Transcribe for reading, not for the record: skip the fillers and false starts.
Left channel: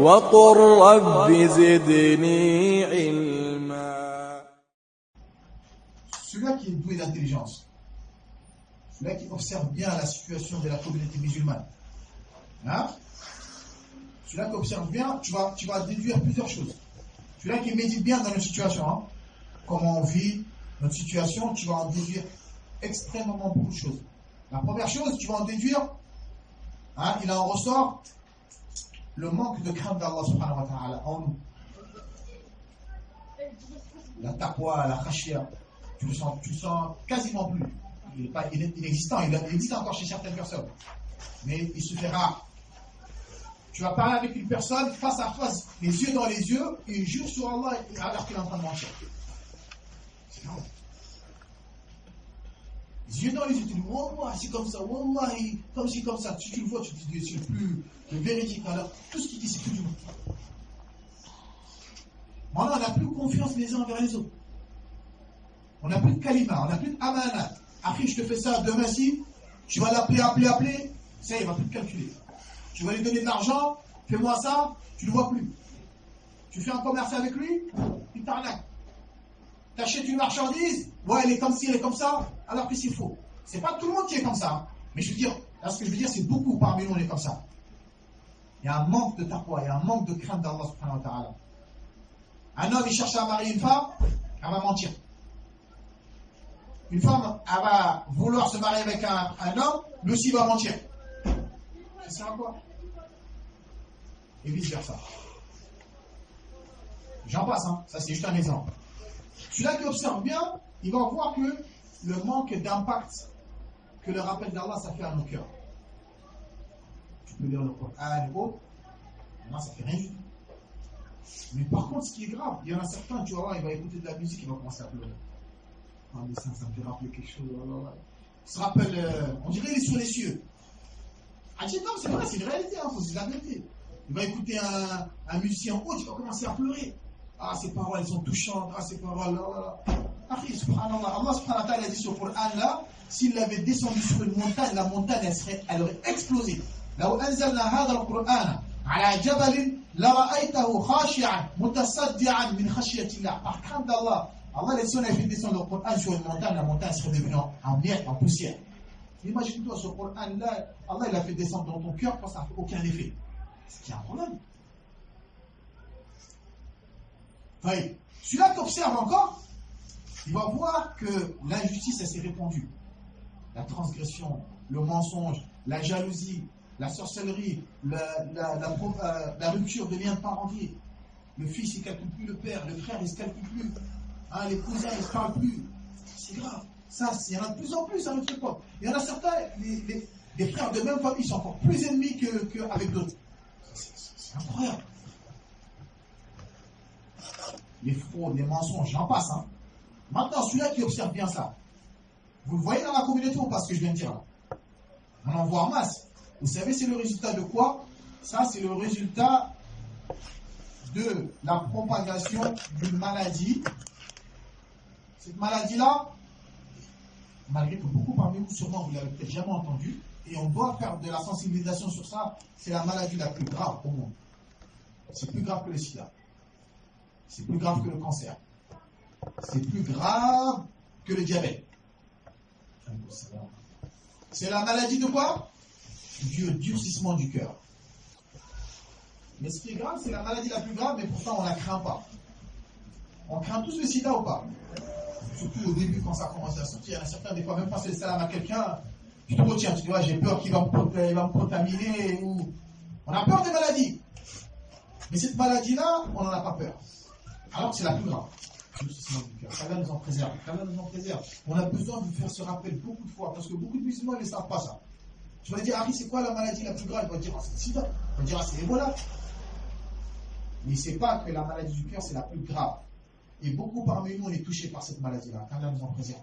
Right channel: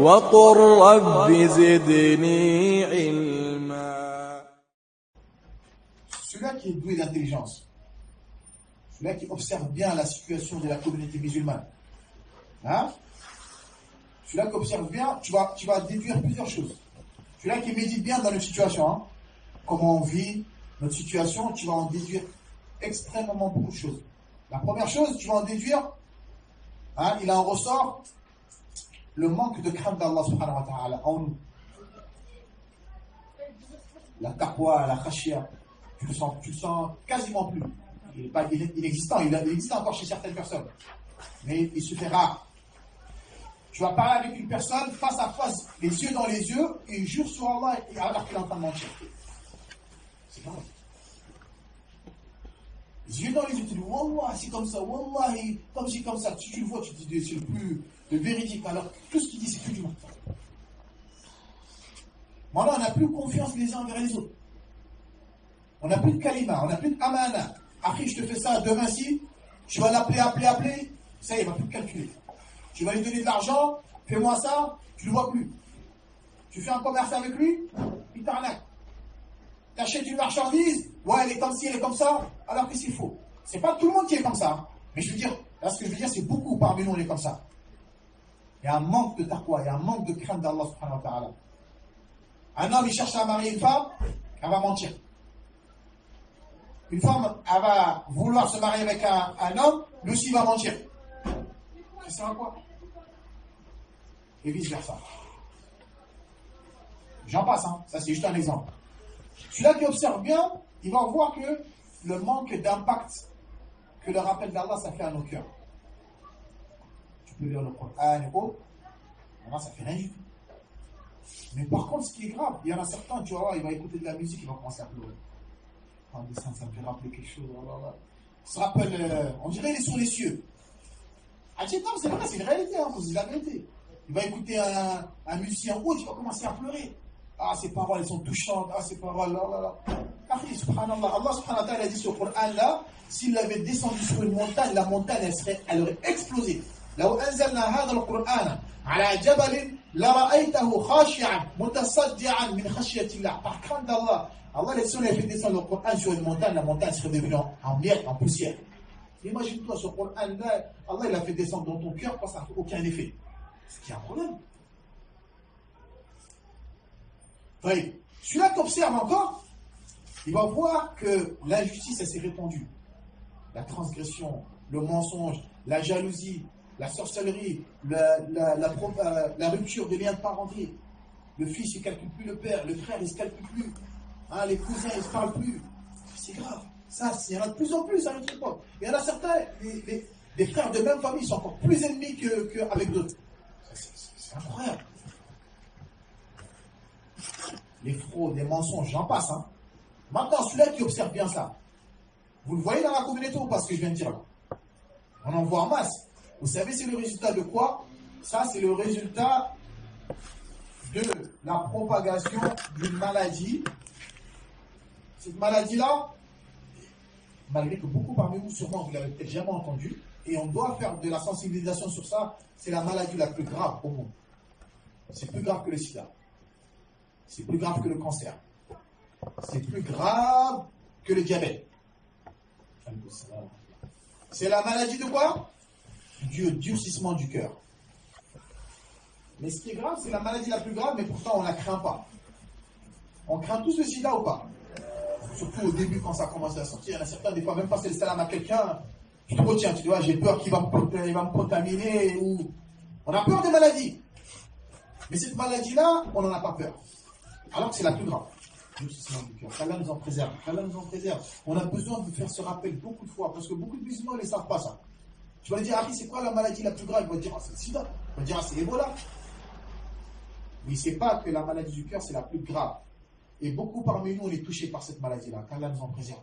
وقل رب زدني علما. Celui-là qui est doué d'intelligence, celui-là qui observe bien la situation de la communauté musulmane, hein? Celui-là qui observe bien, tu vas déduire plusieurs choses. Celui-là qui médite bien dans notre situation, hein? Comment on vit, notre situation, tu vas en déduire extrêmement beaucoup de choses. La première chose, tu vas en déduire, hein, il en ressort le manque de crainte d'Allah subhanahu wa ta'ala en nous. La taqwa, la khashia, tu le sens quasiment plus. Il est inexistant, il existe encore chez certaines personnes, mais il se fait rare. Tu vas parler avec une personne face à face, les yeux dans les yeux, et il jure sur Allah alors qu'il est en train de mentir. C'est grave. Les yeux dans les yeux, tu dis Wallah, c'est comme ça, Wallah, comme si comme ça. Tu le vois, tu te dis c'est le véridique. Alors, tout ce qu'il dit, c'est tout du monde. Maintenant, on n'a plus confiance les uns envers les autres. On n'a plus de kalima, on n'a plus d'amana. Après, je te fais ça demain si, tu vas l'appeler, ça y est, il ne va plus te calculer. Tu vas lui donner de l'argent, fais-moi ça, tu ne le vois plus. Tu fais un commerce avec lui, il t'arnaque. Tu achètes une marchandise, ouais, elle est comme ci, elle est comme ça, alors que c'est faux. C'est pas tout le monde qui est comme ça. Hein. Mais je veux dire, là, ce que je veux dire, c'est beaucoup parmi nous, on est comme ça. Il y a un manque de taqwa, il y a un manque de crainte d'Allah subhanahu wa ta'ala. Un homme, il cherche à marier une femme, elle va mentir. Une femme, elle va vouloir se marier avec un homme, lui aussi va mentir. Ça sert à quoi? Et vice versa. J'en passe, hein. Ça c'est juste un exemple. Celui-là qui observe bien, il va voir que le manque d'impact que le rappel d'Allah ça fait à nos cœurs. Tu peux lire le Coran et autres, ça fait rien du tout. Mais par contre, ce qui est grave, il y en a certains, tu vas voir, il va écouter de la musique, il va commencer à pleurer. Oh, mais ça me fait rappeler quelque chose. Il se rappelle, on dirait il est sur les cieux. Ah, c'est vrai, c'est une réalité, il faut se dire la vérité. Il va écouter un musicien autre, il va commencer à pleurer. Ah, ces paroles, elles sont touchantes. Ah, ces paroles, là. Après, subhanallah, Allah subhanahu wa ta'ala a dit sur le Coran là, s'il l'avait descendu sur une montagne, la montagne, elle aurait explosé. لو أنزلنا هذا القرآن على جبل لرأيته خاشعا متصدعا من خشية الله. Par crainte d'Allah, Allah si on avait fait descendre le Coran sur une montagne, la montagne serait devenue en miettes, en poussière. Imagine-toi, ce Coran-là, Allah il a fait descendre dans ton cœur, parce que ça n'a aucun effet. C'est qu'il y a un problème. Enfin, celui-là qui observe encore, il va voir que l'injustice, elle s'est répandue. La transgression, le mensonge, la jalousie, la sorcellerie, la rupture des liens de parenté. Le fils, il ne calcule plus le père, le frère, il ne se calcule plus. Hein, les cousins, ils ne se parlent plus. C'est grave. Ça, il y en a de plus en plus à notre époque. Il y en a certains, les frères de même famille sont encore plus ennemis qu'avec d'autres. C'est incroyable. Les fraudes, les mensonges, j'en passe. Hein. Maintenant, celui-là qui observe bien ça, vous le voyez dans la communauté ou pas ce que je viens de dire là? On en voit en masse. Vous savez, c'est le résultat de quoi? Ça, c'est le résultat de la propagation d'une maladie. Cette maladie-là, malgré que beaucoup parmi vous, sûrement, vous l'avez peut-être jamais entendu, et on doit faire de la sensibilisation sur ça, c'est la maladie la plus grave au monde. C'est plus grave que le sida. C'est plus grave que le cancer. C'est plus grave que le diabète. C'est la maladie de quoi? Du durcissement du cœur. Mais ce qui est grave, c'est la maladie la plus grave, mais pourtant on ne la craint pas. On craint tous le sida ou pas? Surtout au début quand ça commence à sortir. Il y en a certains, des fois, même passer le salam à quelqu'un, tu te retiens, tu dis, j'ai peur qu'il va me contaminer. Ou... On a peur des maladies. Mais cette maladie-là, on n'en a pas peur. Alors que c'est la plus grave. Qu'Allah nous en préserve. Qu'Allah nous en préserve. On a besoin de faire ce rappel beaucoup de fois, parce que beaucoup de musulmans ne savent pas ça. Tu vas lui dire, ah, c'est quoi la maladie la plus grave? Il va dire, c'est le sida. Il va dire, c'est Ebola. Mais il ne sait pas que la maladie du cœur, c'est la plus grave. Et beaucoup parmi nous, on est touchés par cette maladie-là. Qu'Allah nous en préserve.